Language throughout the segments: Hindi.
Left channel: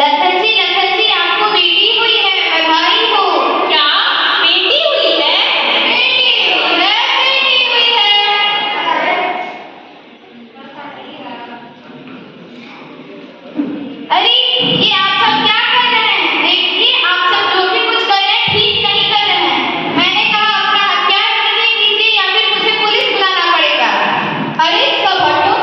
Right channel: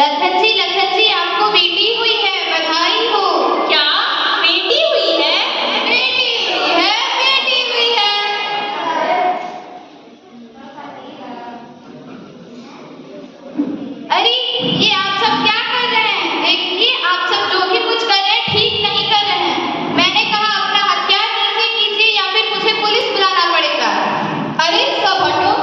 लखन जी आपको बेटी हुई है, बधाई हो। क्या बेटी हुई है? बेटी हुई है, बेटी हुई है। अरे ये आप सब क्या कर रहे हैं? देखिए आप सब जो भी कुछ कर रहे हैं ठीक नहीं कर रहे हैं। मैंने कहा अपना हथियार नीचे कीजिए या फिर मुझे पुलिस बुलाना पड़ेगा। अरे सब हटो।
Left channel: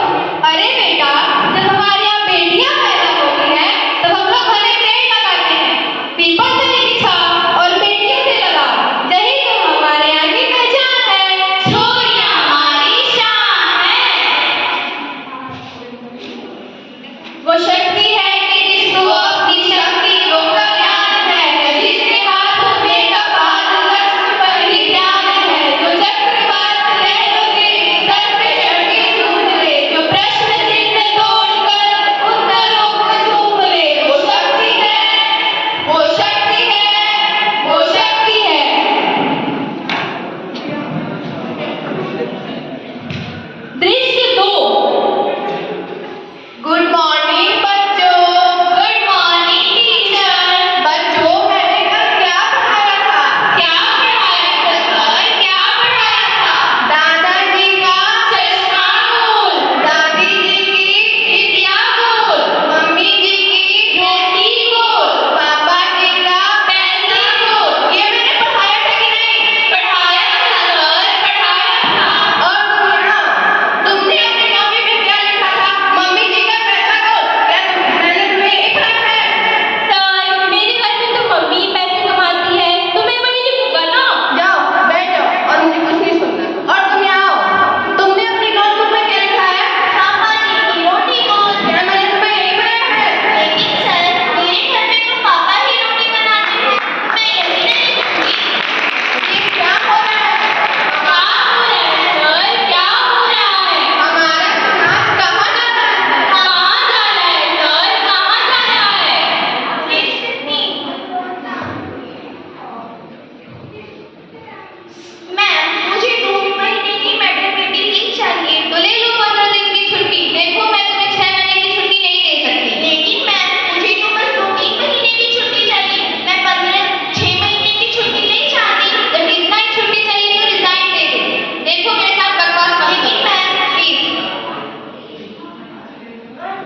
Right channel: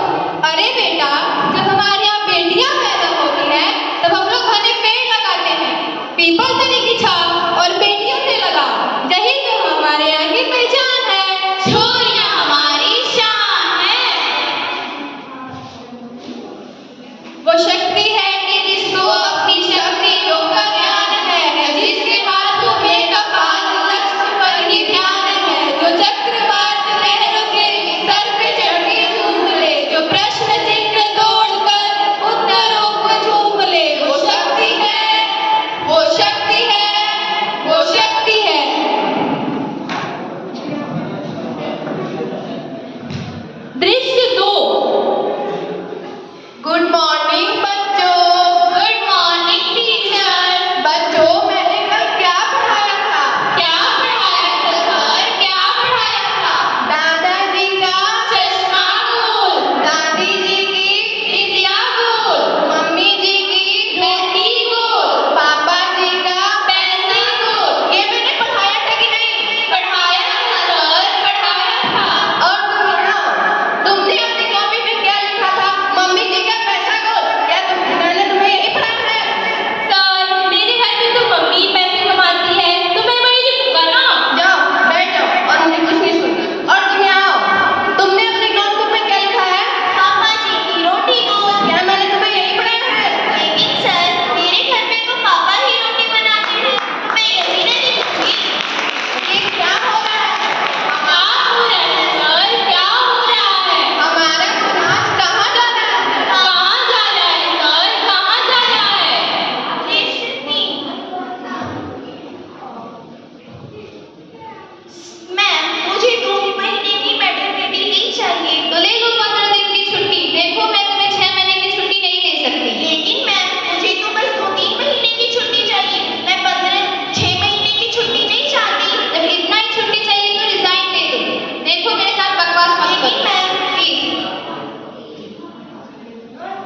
अरे बेटा, जब हमारे यहाँ बेटियां पैदा होती हैं तब हम लोग घने पेड़ लगाते हैं, पीपल से की छाव और बेटियों से लगा। यही तो हमारे यहाँ की पहचान है। छोरियां हमारी शान है। वो शक्ति है कि जिसको अपनी शक्ति रोकर ज्ञान है, जिसके हाथों में कपाल लक्ष्य पर ही ध्यान है, जो चक्रवात लहरों के सर पे चढ़ के झूम ले, जो प्रश्न चिन्ह तोड़कर उत्तरों को झूम ले। वो शक्ति है, वो शक्ति है, वो शक्ति है। दृश्य 2। गुड मॉर्निंग बच्चों। Good morning teacher. बच्चों मैंने कल क्या पढ़ाया था? क्या पढ़ाया था सर? क्या पढ़ाया था? दादाजी का चश्मा गोल, दादी जी की बिटिया गोल, मम्मी जी की रोटी गोल, पापा जी का पैसा गोल। ये मैंने पढ़ाया था कि नहीं? पढ़ाया था सर, पढ़ाया था। और तुमने अपनी कॉपी में क्या लिखा था? मम्मी जी का पैसा गोल। क्या मैंने तुम्हें यही पढ़ाया है? सर मेरे घर में तो मम्मी पैसे कमाती है, तो मैं वही लिखूंगा ना। जाओ बैठ जाओ और मुझे कुछ नहीं सुनना। और तुम यहाँ आओ। तुमने अपनी नोटबुक में क्या लिखा है? पापा जी की रोटी गोल। क्या मैंने तुम्हें यही पढ़ाया है? लेकिन सर मेरे घर में तो पापा ही रोटी बनाते हैं, तो मैं यही नहीं लिखूंगी। ये क्या हो रहा है? क्या हो रहा है सर? क्या हो रहा है? हमारा समाज कहाँ जा रहा है? कहाँ जा रहा है सर? कहाँ जा रहा है? मैम मुझे 2 महीने की मैटरनिटी लीव चाहिए। तो ले लो 15 दिन की छुट्टी। देखो मैं तुम्हें 6 महीने की छुट्टी नहीं दे सकती। लेकिन मैम मुझे तो बस 2-3 महीने की छुट्टी चाहिए। मैं 6 महीने की छुट्टी नहीं चाहती। जब इतना ही छुट्टी चाहिए तो रिजाइन दे दो। देखो मेरे साथ बकवास मत करो। Ma'am please.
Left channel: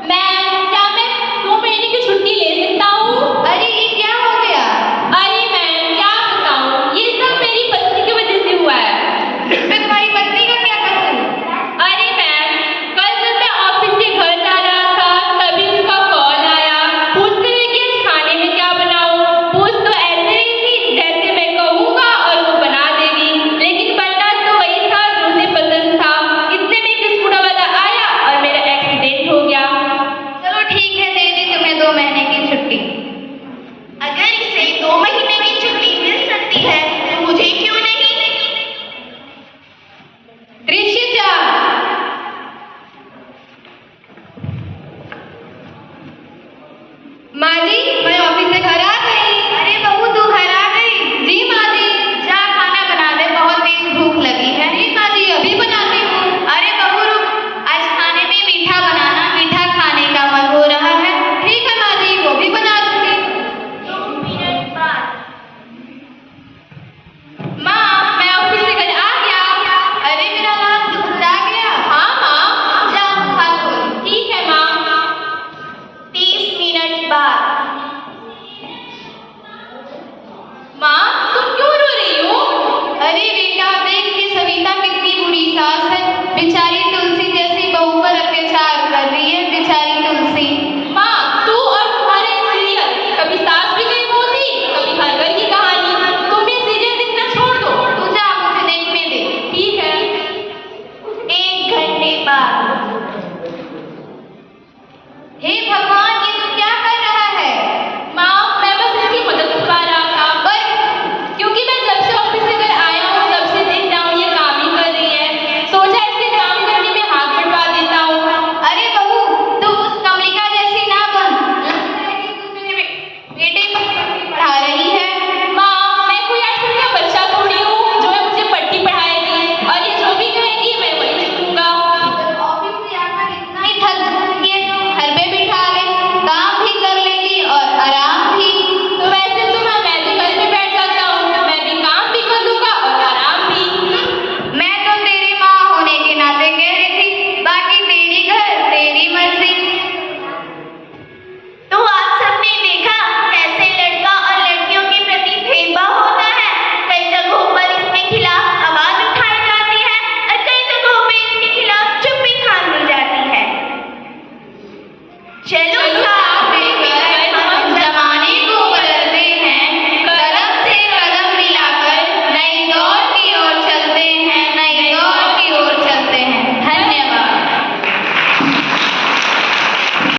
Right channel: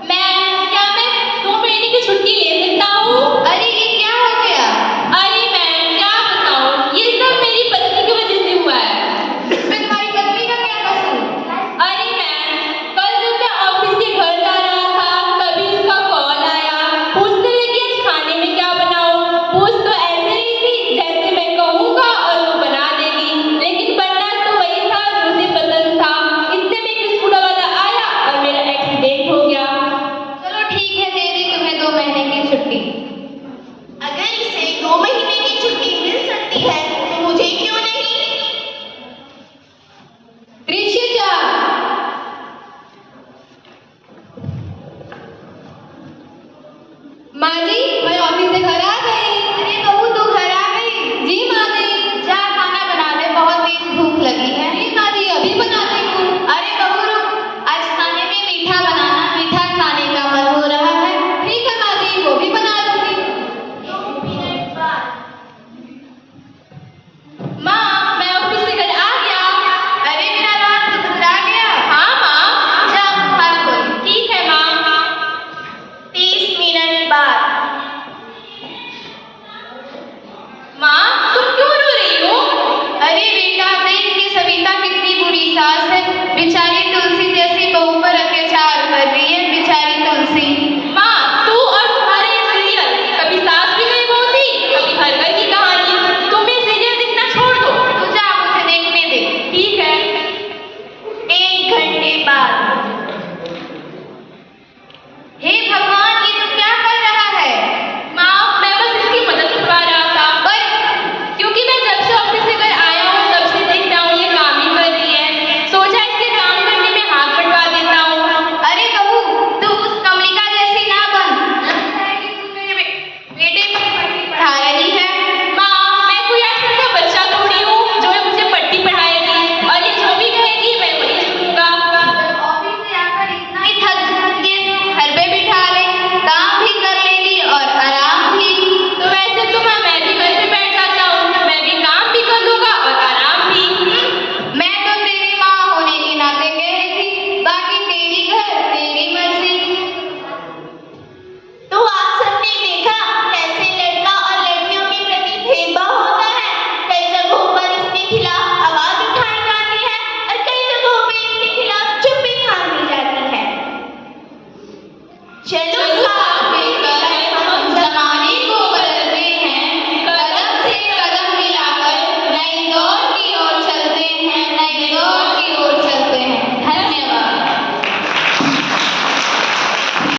मैम क्या मैं 2 महीने की छुट्टी ले सकता हूँ? अरे ये क्या हो गया? अरे मैम क्या बताऊँ, ये सब मेरी पत्नी की वजह से हुआ है। इसमें तुम्हारी पत्नी का क्या कसूर? अरे मैम कल जब मैं ऑफिस से घर जा रहा था तभी उसका कॉल आया, पूछते हुए कि आज खाने में क्या बनाऊं। पूछ तो ऐसे रही थी जैसे मैं कहूँगा और वो बना देगी, लेकिन बनना तो वही था जो उसे पसंद था। इतने में एक स्कूटर वाला आया और मेरा एक्सीडेंट हो गया। चलो ठीक है, दे दी तुम्हें 2 महीने की छुट्टी। अगर इसे 2 महीने की छुट्टी मिल सकती है तो मुझे क्यों नहीं? दृश्य 4। माँ जी मैं ऑफिस से घर आ गई। अरे बहू तू घर आ गई? जी माँ जी। जा खाना बना ले, बहुत तेज भूख लगी है। जी माँ जी अभी बनाती हूँ। अरे बहू रुक, आज खाने में मीठा बनाना, मीठा खाने का मन हो रहा है। ठीक है माँ जी, वो भी बना दूंगी। 2 मिनट बाद। माँ मैं ऑफिस से घर आ गया। अरे मेरा हाथ दुखा गया। हाँ माँ। जाओ हाथ धो। ठीक है माँ। 30 मिनट बाद। चलो